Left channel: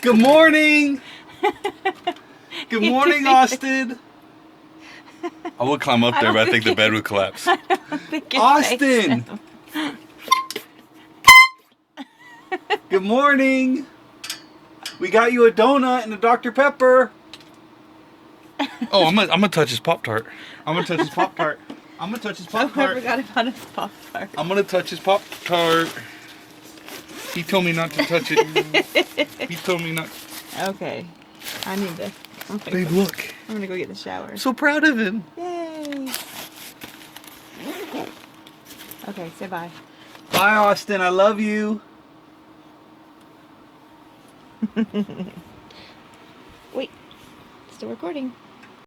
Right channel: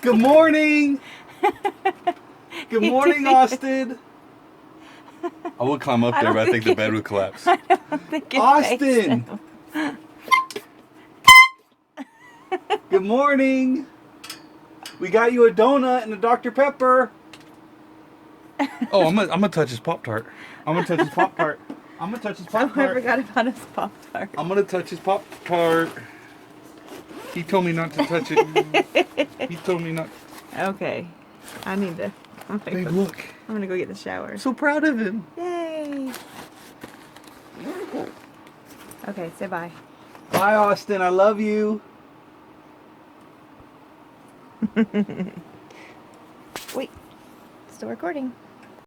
Good morning. Good morning, Austin. I would climb up there, but I think the bed would collapse. I don't think it's Austin. safe. Good morning. We got you a donut and a Dr. Pepper. Oh, I'm gonna touch his Pop-Tart. I'm gonna touch his Pop-Tart. I'm gonna touch his Oh, I Pop-Tart. forgot about his Pop-Tart. I'm gonna touch his Pop-Tart. He told me not to touch it. He told me not. Okay. I need to. Babe, look. I'm gonna go get the shower. I'm so proud of him. Yay! Okay, say bye. Bye, Austin. I love you. Wait, still recording.